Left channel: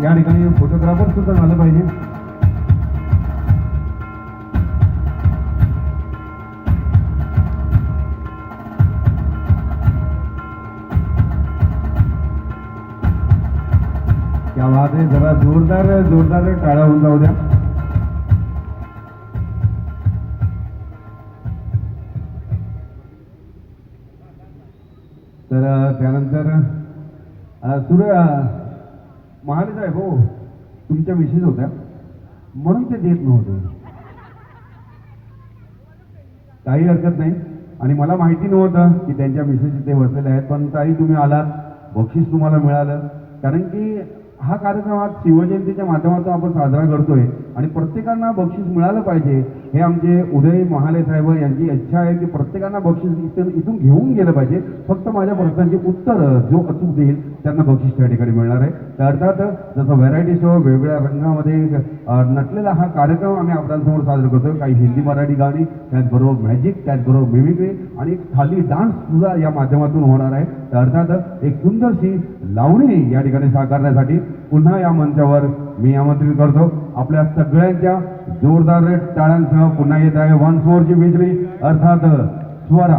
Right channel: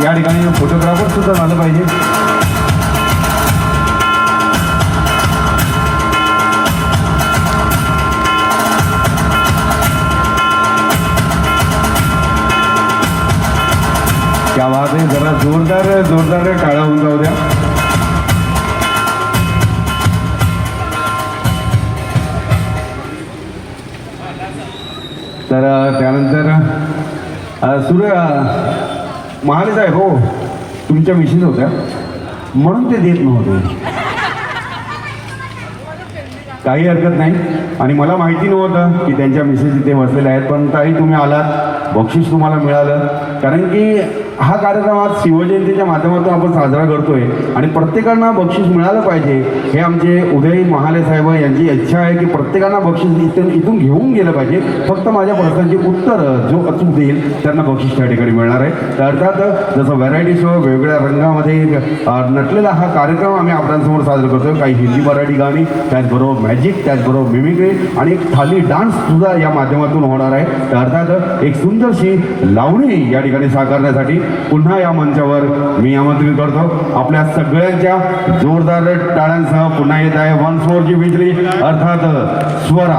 या ठिकाणी फोटोग्राफर सुद्धा झालं पाहिजे. क्या बात आहे. जरा जोरदार टाळ्या होऊन जाऊ द्या. तर त्यानंतर सूर्य महाले साहेब हो, तुमच्या मिसेस होत्या म्हणून ते देत नव्हते. काही हरकत नाही. आणि मला माहिती नव्हतं की त्यांच्या मिसेस इथे बसलेल्या आहेत, पण ताई तुम्ही आलात, बक्षीस तुम्हाला मिळालं. कारण की हा कार्यक्रम आज शिवजयंतीच्या माध्यमातून आपण साजरा करतोय आणि प्रत्येकांना बक्षीस मिळालं पाहिजे हे आमचे उदय महाले साहेब यांची इच्छा आहे की प्रत्येकांना बक्षीस इथून घेऊन गेलं पाहिजे. फक्त माझ्या प्रश्नांची उत्तरं जो अचूक देईल त्यांना बक्षीस त्या ठिकाणी मिळणार आहे. तर अर्थात जसं व्हरायटी शो वेगवेगळ्या रंगामध्ये नटलेला हा कार्यक्रम आम्ही आपल्यासमोर साजरा करतोय. काही हिंदी मराठी गाणी, त्याचबरोबर मॅजिक, त्याचबरोबर मिमिक्री आणि खाली डान्स सुद्धा या माध्यमातून होणार आहे. तर अर्थात एक सुंदरशी लावणी या ठिकाणी साकारण्यासाठी पुन्हा या मंचावर मी आमंत्रित करतो. आपल्या सगळ्यांच्या जोरदार टाळ्यांसह पुन्हा येत आहे 1 4 ची बिजली अर्थात स्वरा.